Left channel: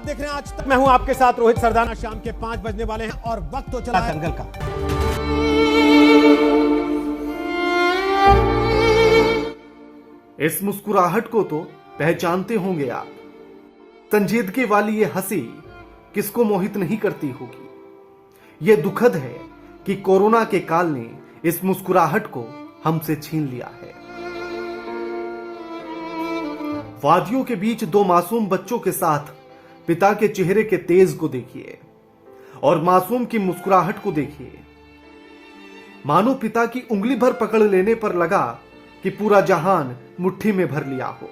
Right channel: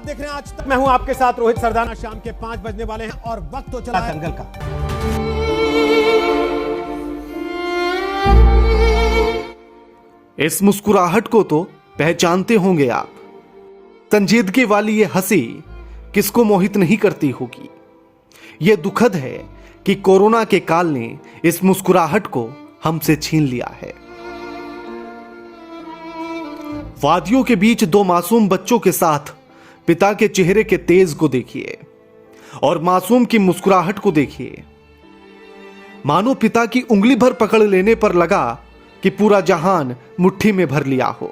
आप देख रहे हैं आज तक। मैं हूं आपके साथ रोहित सरदाना। शाम के 5 बजने वाले हैं और वक्त तो चला है दंगल का। इस मुस्कुराहट को तो पहचानते होंगे आप। संजीदगी वाली ये हंसी किसको मोहित नहीं करती होगी। ये दुखद है कि कोरोना के काल ने इस मुस्कुराहट को हमसे छीन लिया है। वादियों के बीच दो मासूम बच्चों के साथ पिता के चेहरे के तेज को देखिए और मासूम की मुस्कुराहट को देखिए। मानो पिता की उंगली भर पकड़ लेने पर लगा कि पूरा जहान मुट्ठी में भर लिया हो।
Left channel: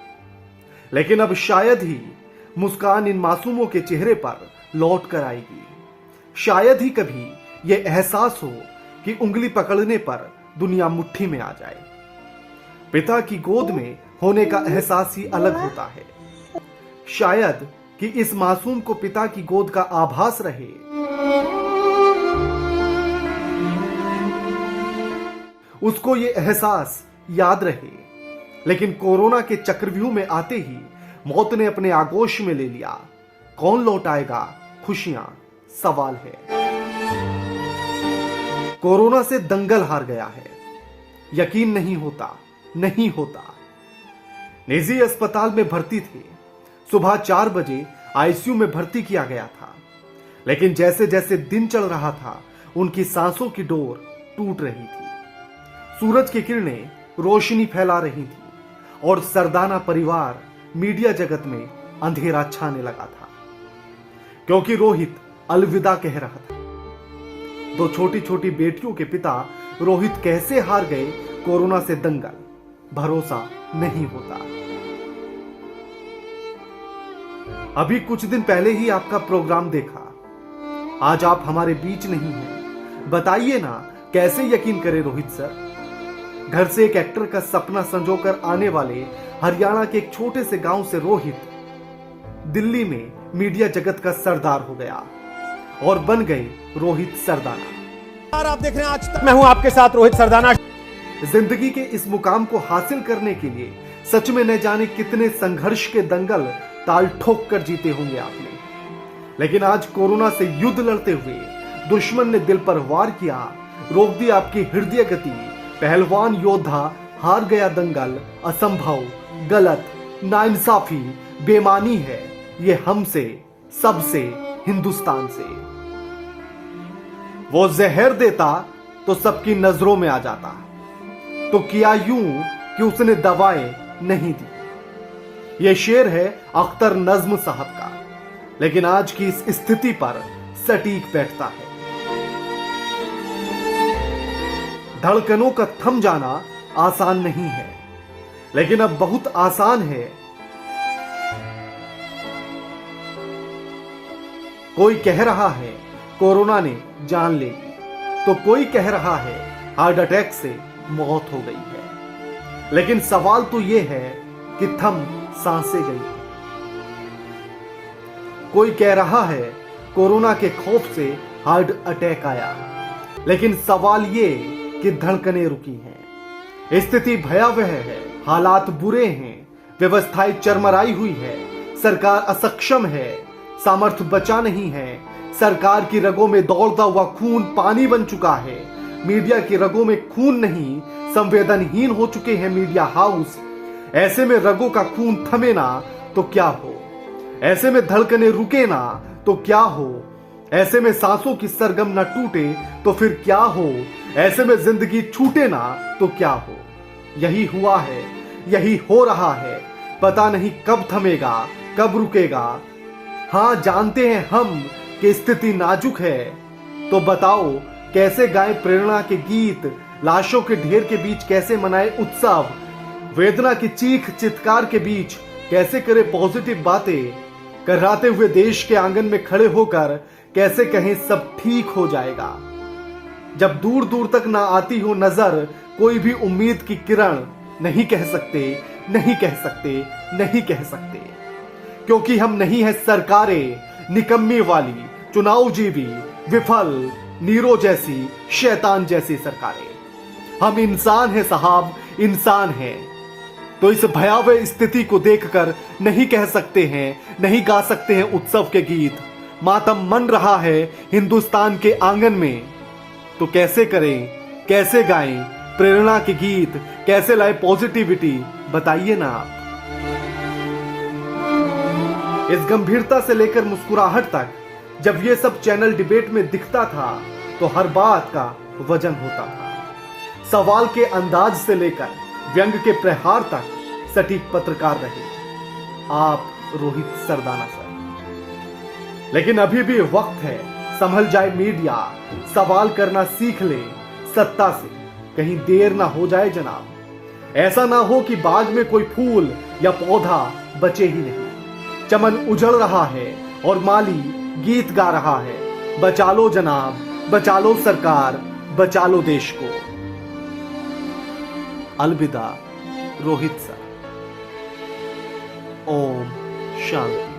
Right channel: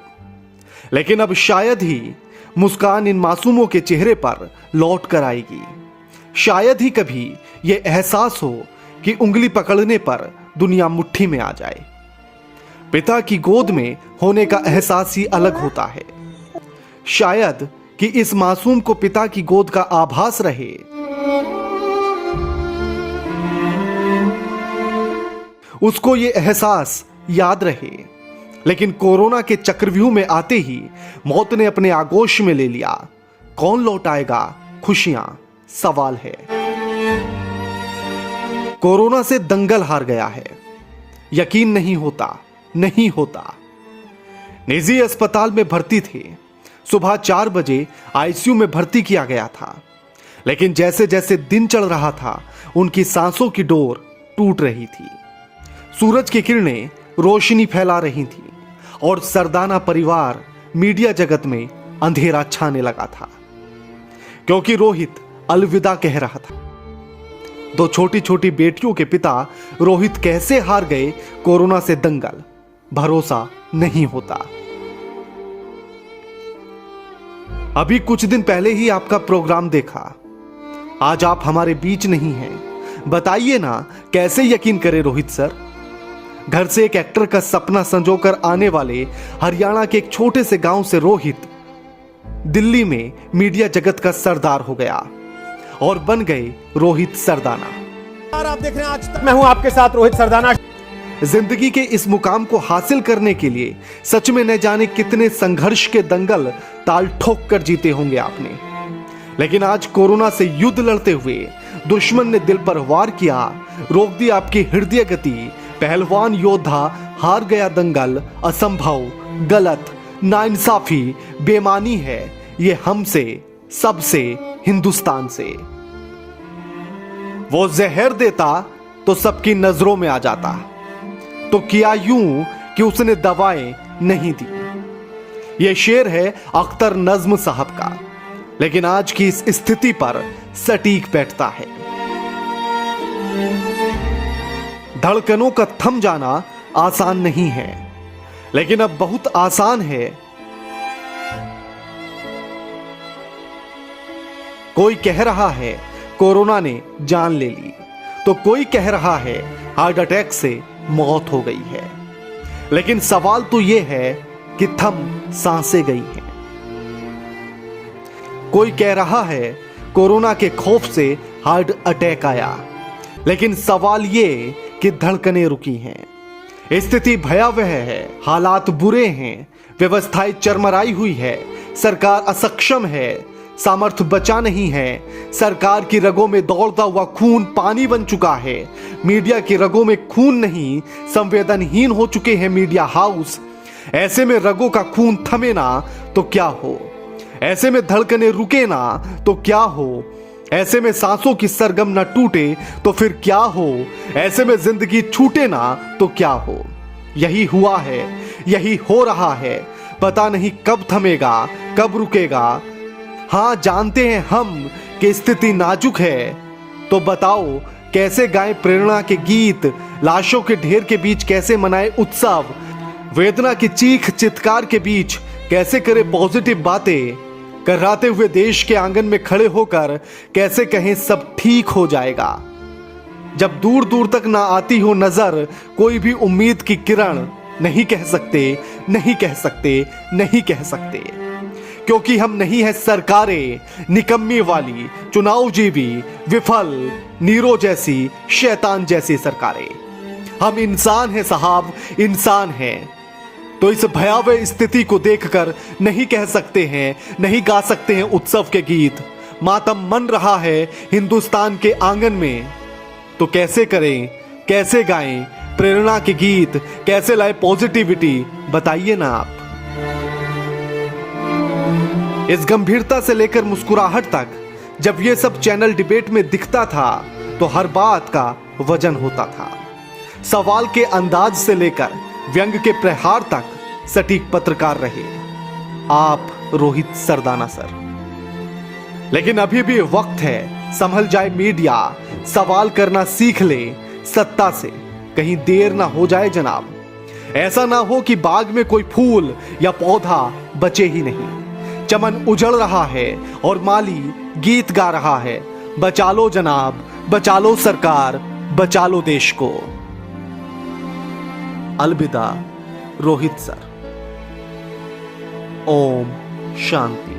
लेकिन अब शायद ही मुस्कान इन मासूमों के चेहरे पर लौट कर आएगी। शायद ही कभी यह एहसास हो कि उंगली पकड़ने पर दुनिया मुट्ठी में आ जाए। पिता की गोद में होने का एहसास ही अलग होता है। शायद कि इस मासूम को पिता की गोद का आभास रहे। उसको यह एहसास याद रहे। लेकिन कोरोना के चक्रव्यूह में आते ही मौत ने अपने आगोश में ले लिया। कौन लौट आएगा खुशियां, सवाल है। कोरोना से दंगल हार गया है। यकीन नहीं होता। निजी अस्पताल में भर्ती थे। सुबह 4 बजे आईसीयू में भर्ती किया गया था। लेकिन जैसे जैसे दिन चढ़ रहा था उनकी सांसों की डोर टूट रही थी। सूरज की किरणें रोशनी फैला रही थी और सरदाना परिवार मीडिया जगत में अंधेरा छाने लगा था, क्योंकि रोहित अलविदा कह रहा था। दो छोटी छोटी बेटियों के पिता रोहित कैसे हार गए कोरोना से दंगल, भरोसा नहीं होता। अभी कुछ दिन पहले ही आपका प्रोग्राम देखा। आज आप हमारे बीच नहीं हैं। बताइए ना कैसे यकीन करें रोहित सर। घर से एक एक्टर का सपना संजोकर आने वाले हरियाणा के एक छोटे से गांव से रोहित दिल्ली में मीडिया जगत का सरदार हो गया और बन गए रोहित सरदाना। और आप देख रहे हैं आज तक। मैं हूं आपके साथ रोहित सरदाना। जिंदगी के इस मुकाम को हासिल करने के लिए सच में न जाने कितने संघर्ष के दंगल ताल ठोक कर जीते होंगे आपने। लेकिन आज कोरोना से युद्ध लड़ते हुए दुश्मन ने दिल पर वार किया, रोक दी आपकी हृदय गति। पहलवान योद्धा हार गया दंगल। असंभव, गलत, नाइंसाफी, बेमानी है ये हमसे, सबसे, हिंदुस्तान से। वो जहर देता तो सबकी नजरों में आ जाता, तो किया यूं कि उसने दवाएं नहीं दी। यह शेर है अख्तर नज्म साहब का, लेकिन आज की इस स्थिति पर सटीक बैठता है। धड़कनों का थम जाना आसान नहीं है, लेकिन अब बहुत आसान है। कोई कह रहा है कोरोना ने जान ले ली, तो कोई कह रहा है हार्ट अटैक से मौत हो गई है। लेकिन सवाल तो यह है कि थम सांसें गई हैं। कोई कह रहा है कोरोना के खौफ से हार्ट अटैक आया, लेकिन सवाल यह कि धड़कनें रुकी हैं। स्थिति भयावह है, हालात बुरे हैं, व्यवस्थाएं चरमराई हुई है, सरकार असक्षम है, सामर्थ्य बचा नहीं है। सरकार की रगों में दौड़ता हुआ खून पानी बन चुका है। मीडिया की रगों में खून नहीं, संवेदनहीन हो चुके हैं मीडिया हाउस। ऐसे में रगों का खून थमे ना तो क्या हो, ऐसे में धड़कनें रुके ना तो क्या हो, ऐसे में सांसों की सरगम ना टूटे तो फिर क्या हो, ऐसे में जिंदगी छूटे ना तो क्या हो। यही हुआ है, यही हो रहा है। पता नहीं कब थमेगा, कब रुकेगा। हां, जानते हैं हम कि स्थिति नाजुक है, तो बताओ कैसे गाएं प्रेरणा के गीत, लाशों के ढेर के बीच कैसे मनाएं उत्सव, वेदना की चीख चित्कार के बीच कैसे करें पॉजिटिव बातें, कराते हुए देश के आंगन में खड़े होकर कैसे कहें सब ठीक हो जाएगा। जब दूर दूर तक ना आती हो नजर कोई भी उम्मीद की किरण, नहीं कह सकते, नहीं कह सकते, नहीं कह सकते, क्योंकि हम नहीं है सरकारें निकम्मी वाली, चुनाव जीवी, विफल, नीरो जैसी, शैतान जैसी सरकारें। हम इंसान हैं साहब, इंसान हैं। तो इस भयावह स्थिति को देखकर नहीं कह सकते हैं, नहीं गा सकते हैं उत्सव के गीत। मातम मन रहा है हिंदुस्तान के आंगन में, तो कैसे करें, कैसे गाएं प्रेरणा के गीत, कैसे लाए पॉजिटिविटी, बताइए ना आप। इस गंभीरता से लेकर मुस्कुराहट तक जब ये सब चैनल डिबेट में दिखता था तो हर बात का वजन होता था। सवाल के अंदाज से लेकर व्यंग के प्रहार तक सटीक पत्रकार रहे आप रोहित सरदाना सर। लेकिन अभी भी वक्त है, संभल जाए मीडिया, सवाल करना सीख ले सत्ता से, कहीं देर ना हो जाए जनाब। ऐसा ना हो कि बाग में कोई फूल या पौधा बचे ही नहीं। चमन उजड़ रहा है और माली गीत गा रहा है, बचा लो जनाब, बचा लो सरकार, बचा लो देश को। अलविदा रोहित सर। ओम शांति।